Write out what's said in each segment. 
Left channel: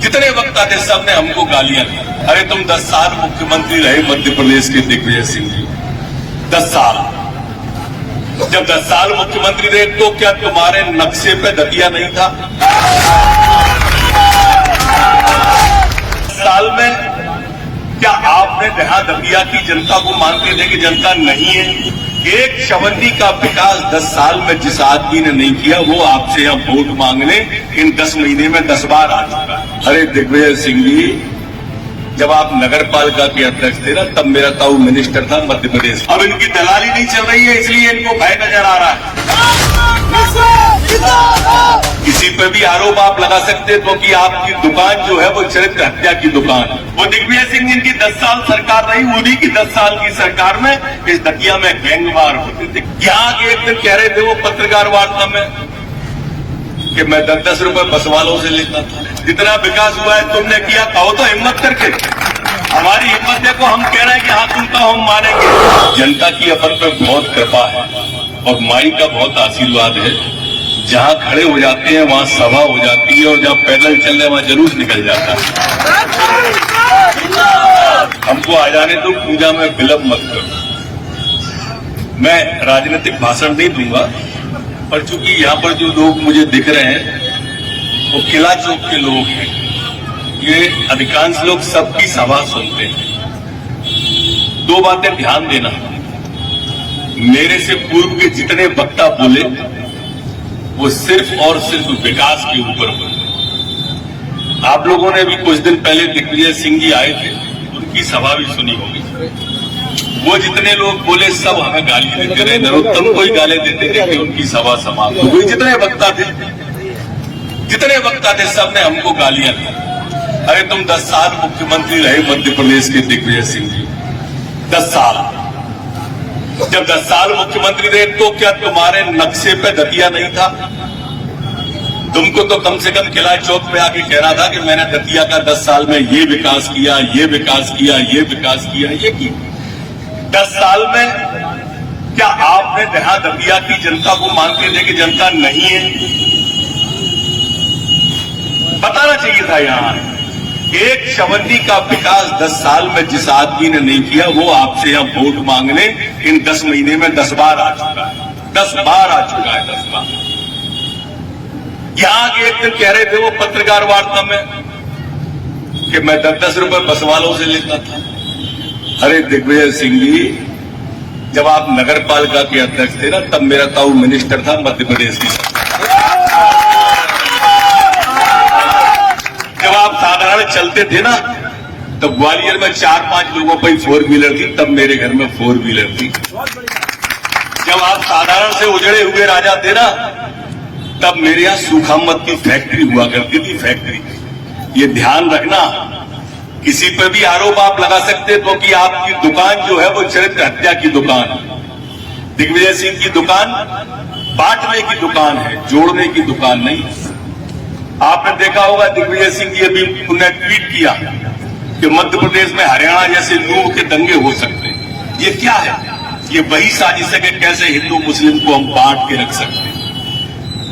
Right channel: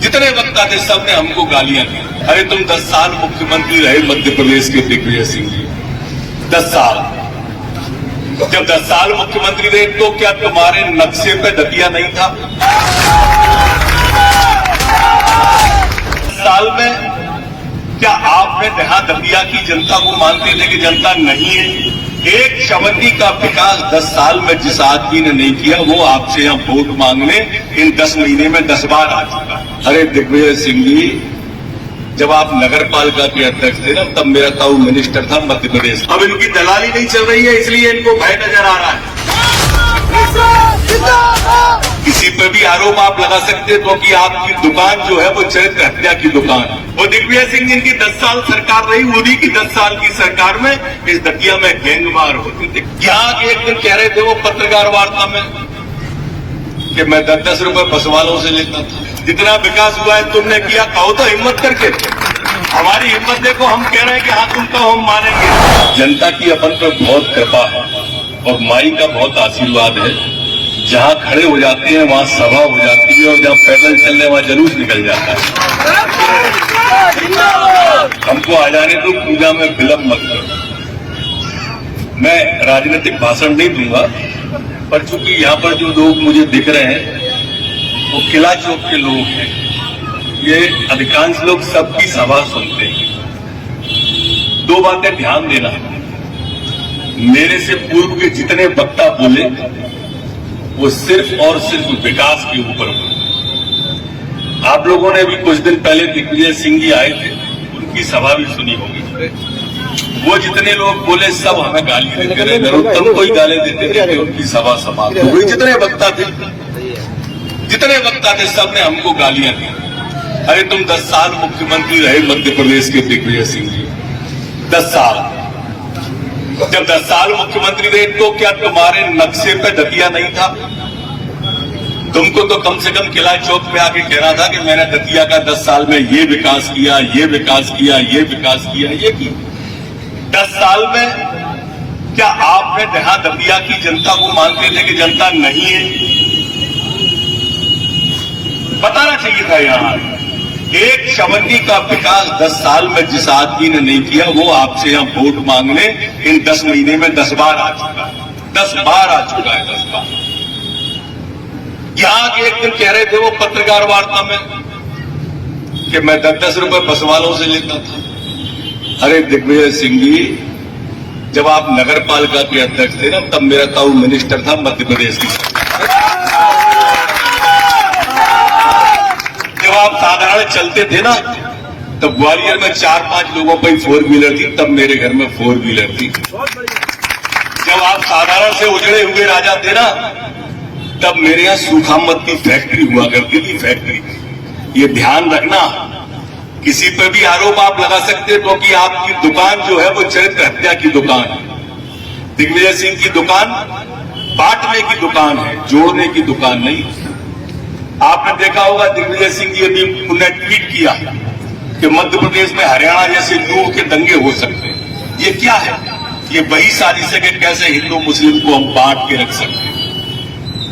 जितने वक्त आते सबने हमको गालियां दी। अरे तुम 10 साल मुख्यमंत्री रहे मध्य प्रदेश के दिग्विजय सिंह जी, 10 साल। जब 10 साल मुख्यमंत्री रहे तो क्या तुम्हारे नक्शे पे दतिया नहीं था? साल में क्या आपने जहां दतिया की जनता को मानते थे कि जनता नहीं है? एक चवन्नी का विकास 10 साल में जिस आदमी ने नहीं किया वो आपसे यहां वोट मांगने इन 10 महीने में 10 बार आ चुका। अरे दिग्विजय सिंह जी, जब आप नगर पालिका के अध्यक्ष थे ना, तब मेरा ताऊ मिनिस्टर था मध्य प्रदेश। अब इनकी दलाली नहीं चल रही है, इसलिए इनको भय नजर आ रहा है। किसी पे भी आरोप आप लगा सकते हैं क्योंकि आपकी दुकान जो है वो चरित्र हत्या की दुकान है। वो दिग्विजय सिंह जिनकी 10 साल सरकार रही, उन्हीं की 10 साल की सरकार में इस दतिया में गैंगवार होते थे। यहाँ एक दिन कह रहे थे वो पत्रकार वार्ता में कि मैं 10-10 रुपए बस वालों से लेता था। जितना विकास हुआ है तुमने किया, कहो तो हिम्मत करके। हमारी हिम्मत देखो, हम कह रहे हैं कि हाँ तुम कहो, हम मानेंगे। जनता की अपन पर बहुत कृपा है और माई का बहुत आशीर्वाद है। जहां खड़े हो जाते हैं वहां सभा हो जाती है और जहां पैदल चल रहे वहां जुलूस निकल जाता है। हमको आ जाने दो, पूजा में विलंब मत करो। मैं राजनीतिक भाषण नहीं दूंगा, पर चूंकि यहाँ पर जो लोग मुझे दिख रहे हैं वो किला चौक के लोग हैं। ये अधिकांश लोग सबकी सभा सुनते हैं। 2 बातें ध्यान देना, मेरे से पूर्व के जितने वक्ता बोले वो सिर्फ और सिर्फ विकास के ऊपर बोले। आप लोगों ने भी कुछ दिन पहले दिग्विजय सिंह जी आए थे, उनकी सभा भी सुनी होगी। वो जितने लोग बोले सब हमें गाली देते रहे, नरोत्तम को ही गाली देते थे कि उनकी सभा समाप्त हो गई। जितने वक्ता थे सबने हमको गालियां दी। अरे तुम 10 साल मुख्यमंत्री रहे मध्य प्रदेश के दिग्विजय सिंह जी, 10 साल। जब 10 साल मुख्यमंत्री रहे तो क्या तुम्हारे नक्शे पे दतिया नहीं था? तुमको तो कम से कम किला चौक पे आके कहना था कि मैंने दतिया का 10 साल में ये विकास किया, ये विकास किया, ये विकास किया, ये किया। 10 साल में क्या आपने जहां दतिया की जनता को मानते थे कि जनता नहीं है? बताना चाहिए था। यहाँ एक चवन्नी का विकास 10 साल में जिस आदमी ने नहीं किया वो आपसे यहां वोट मांगने इन 10 महीने में 10 बार आ चुका है। 10 बार आ चुका है, 10 बार। यहाँ एक दिन कह रहे थे वो पत्रकार वार्ता में कि मैं 10-10 रुपए बस वालों से लेता था। अरे दिग्विजय सिंह जी, जब आप नगर पालिका के अध्यक्ष थे ना, तब मेरा ताऊ मिनिस्टर था मध्य प्रदेश की। जब आप साधारण चलते थे ना, तो ग्वालियर में 4-5 लोगों पर 4 व्हीलर थी, तब मेरे घर में 4 व्हीलर थी। जब आप साधारण से उजड़े हुए राजा थे ना, तब मेरे यहाँ सूखामत की फैक्ट्री हुआ करती थी, फैक्ट्री। ये ध्यान रखना, किसी पर भी आरोप आप लगा सकते हैं क्योंकि आपकी दुकान जो है वो चरित्र हत्या की दुकान है। दिग्विजय सिंह की दुकान बांटने की दुकान है, जोड़ने की दुकान नहीं। आपने देखा होगा दिग्विजय सिंह जी अभी उन्होंने ट्वीट किया कि मध्य प्रदेश में हरियाणा जैसे नूह के दंगे हो सकते हैं। ये क्या है? ये वही साजिश है कि कैसे हिंदू मुस्लिम को हम बांट के रख सकते हैं।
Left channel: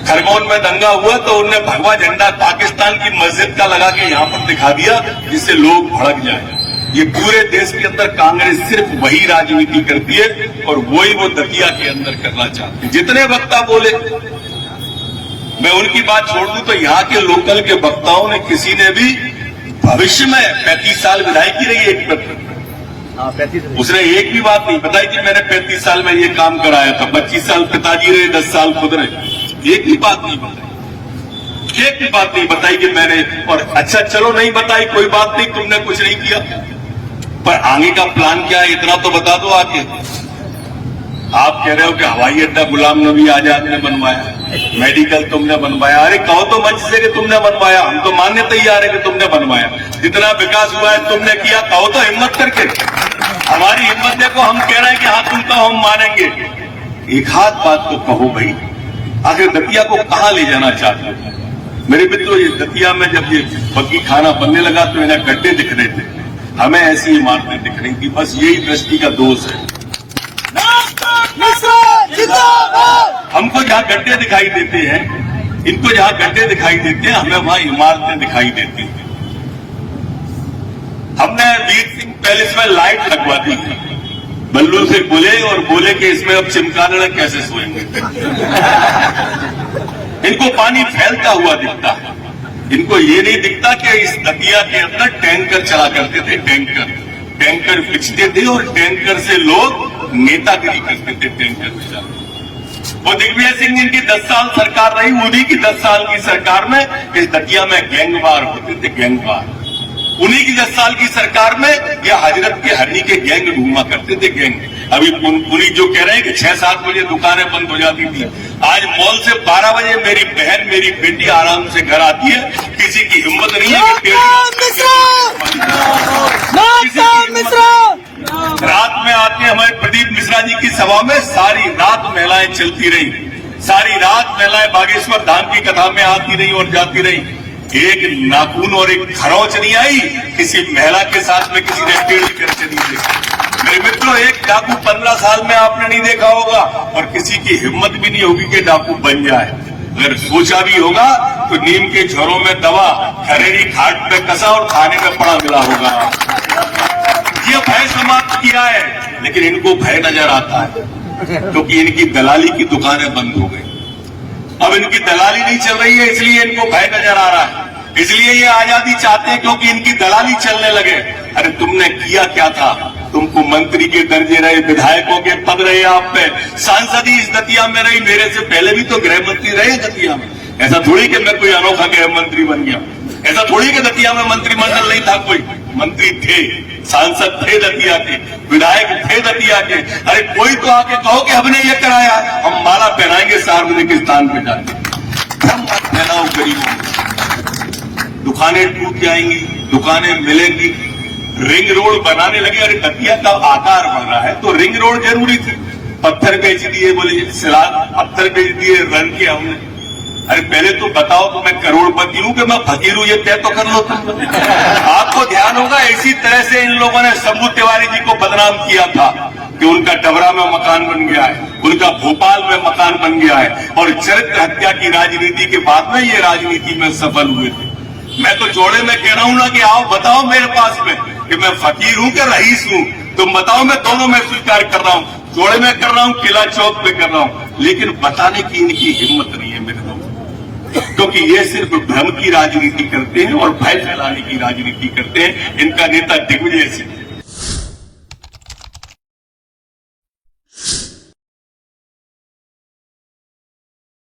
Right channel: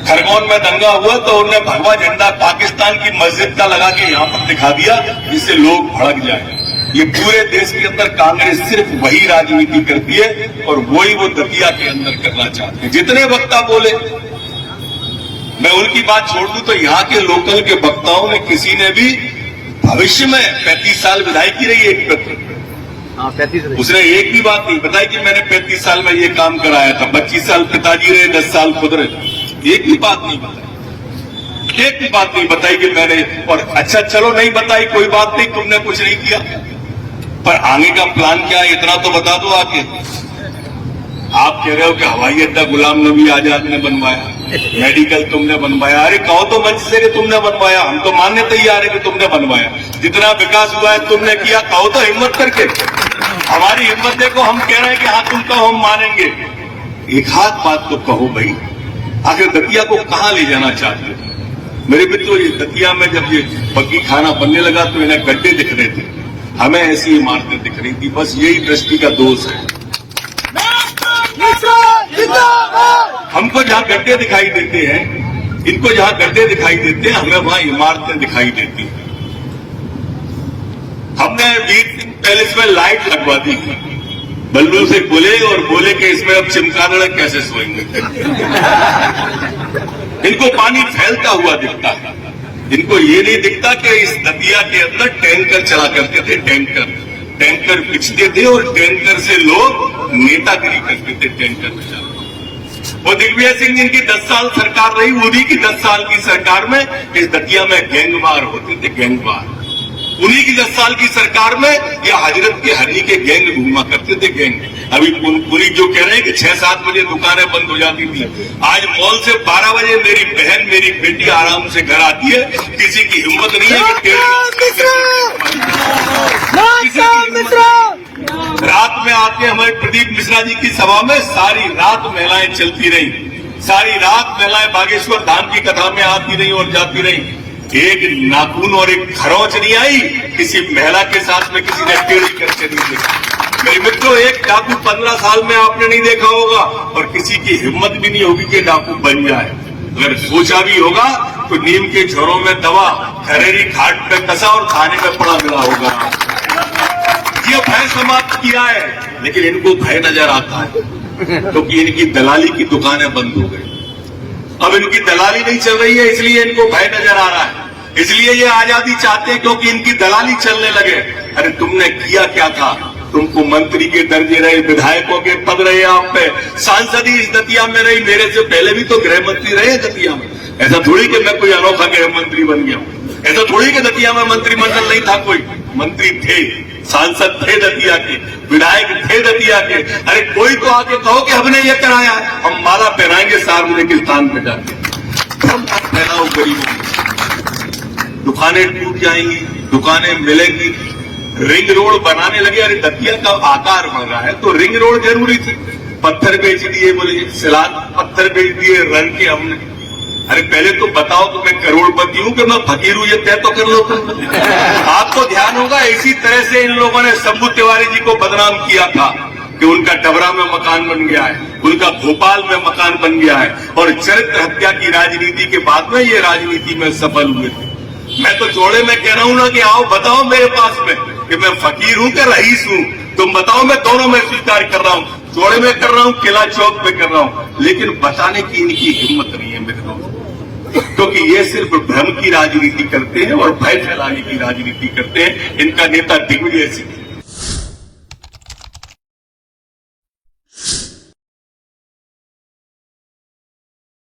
खरगोन में दंगा हुआ तो उन्होंने भगवा झंडा पाकिस्तान की मस्जिद का लगा के यहां पर दिखा दिया, जिससे लोग भड़क जाए। ये पूरे देश के अंदर कांग्रेस सिर्फ वही राजनीति करती है और वही वो दतिया के अंदर करना चाहती है। जितने वक्ता बोले, मैं उनकी बात छोड़ दूं तो यहाँ के लोकल के वक्ताओं ने किसी ने भी भविष्य में 35 साल विधायकी रही एक, उसने एक भी बात नहीं बताई कि मैंने 35 साल में ये काम कराया था। 25 साल पिताजी रहे, 10 साल खुद रहे, एक भी बात नहीं बताई। एक भी बात नहीं बताई कि मैंने। और अच्छा चलो नहीं बताई, कोई बात नहीं, तुमने कुछ नहीं किया, पर आगे का प्लान क्या है इतना तो बता दो आके। आप कह रहे हो कि हवाई अड्डा गुलाम नबी आजाद ने बनवाया, मेडिकल तुमने बनवाया। अरे कहो तो मंच से कि तुमने बनवाया, हम तो मानने तैयार है कि तुमने बनवाया। जितना विकास हुआ है तुमने किया, कहो तो हिम्मत करके। हमारी हिम्मत देखो, हम कह रहे हैं कि हाँ तुम कहो, हम मानेंगे। एक हाथ बात तो कहो भाई, आखिर दतिया को कहां ले जाना चाहते हो? मेरे मित्रों, ये दतिया में जब ये बग्गी खाना बनने लगा तो इन्हें गड्ढे दिख रहे थे, हमें ऐसी इमारतें दिख रही थी। बस यही दृष्टि का दोष है। हमको जहां गड्ढे दिखाई देते हैं, इनको जहां गड्ढे दिखाई देते हैं, हमें वहां इमारतें दिखाई देती हैं। हमने वीर सिंह पैलेस में लाइट लगवा दी। बल्लू से बोले और बोले कि इसमें अब चमकादड़ कैसे सोएंगे। इनको पानी फैलता हुआ दिखता है। इनको ये नहीं दिखता कि इस दतिया के अंदर टैंकर चला करते थे। टैंकर पिछते थे और टैंकर से लोग नेतागिरी करते थे। टैंकर वो दिग्विजय सिंह इनकी 10 साल सरकार रही, उन्हीं की 10 साल की सरकार में इस दतिया में गैंगवार होते थे। गैंगवार उन्हीं की 10 साल की सरकार में या हजरत के हनी के गैंग घूमा करते थे। गैंग अभी पुलिस जो कह रहे हैं कि 6-7 बजे दुकानें बंद हो जाती थी, आज मॉल से 12 बजे मेरी बहन मेरी बेटी आराम से घर आती है। किसी की हिम्मत नहीं है कि रात में आके हमारे प्रदीप मिश्रा जी की सभा में सारी रात महिलाएं चलती रही। सारी रात महिलाएं बागेश्वर धाम की कथा में आती रही और जाती रही। एक नाखून और एक खरोच नहीं आई किसी महिला के साथ में किसी ने टेढ़ी करके नहीं देखी। मेरे मित्रों, एक डाकू 15 साल में आपने नहीं देखा होगा और किसी की हिम्मत भी नहीं होगी कि डाकू बन जाए। अगर सोचा भी होगा तो नीम के झोरों में दवा खरेरी घाट पे कसा और खाने में पड़ा मिला होगा। ये भय समाप्त किया है, लेकिन इनको भय नजर आता है क्योंकि इनकी दलाली की दुकानें बंद हो गई। अब इनकी दलाली नहीं चल रही है, इसलिए इनको भय नजर आ रहा है। इसलिए ये आजादी चाहते हैं क्योंकि इनकी दलाली चलने लगे। अरे तुमने किया क्या था? तुमको मंत्री के दर्जे रहे, विधायकों के पद रहे, आप पे सांसद ही इस दतिया में रही। मेरे से पहले भी तो गृह मंत्री रहे दतिया में। ऐसा थोड़ी कि मैं कोई अनोखा गृह मंत्री बन गया। ऐसा थोड़ी कि दतिया में मंत्रिमंडल नहीं था, कोई मंत्री थे, सांसद थे दतिया के, विधायक थे दतिया के। अरे कोई तो आके कहो कि हमने ये कराया, हम माला पहनाएंगे सार्वजनिक स्थान पे जाकर। पहनाओ गरीबों, दुकानें टूट जाएंगी, दुकानें मिलेंगी। रिंग रोड बनाने लगे। अरे दतिया का आकार बढ़ रहा है तो रिंग रोड जरूरी थी। पत्थर बेच दिए, बोले सिलाग पत्थर बेच दिए, रंग के हमने। अरे पहले तो बताओ तो मैं करोड़पति हूं कि मैं फकीर हूं, ये तय तो कर लो तुम। आपको ध्यान होगा इसी तरह से इन लोगों ने शंभू तिवारी जी को बदनाम किया था कि उनका डबरा में मकान बन गया है, उनका भोपाल में मकान बन गया है और चरित्र हत्या की राजनीति के बाद में ये राजनीति में सफल हुए थे। मैं तो जोड़े में कह रहा हूं ना कि आओ बताओ मेरे पास में कि मैं फकीर हूं कि रईस हूं। तुम बताओ, मैं दोनों में स्वीकार कर रहा हूं। जोड़े में कर रहा हूं, किला चौक पे कर रहा हूं, लेकिन बताने की इनकी हिम्मत नहीं है मित्रों, क्योंकि ये सिर्फ भ्रम की राजनीति करते हैं और भय फैलाने की राजनीति करते हैं। इनका नेता दिग्विजय सिंह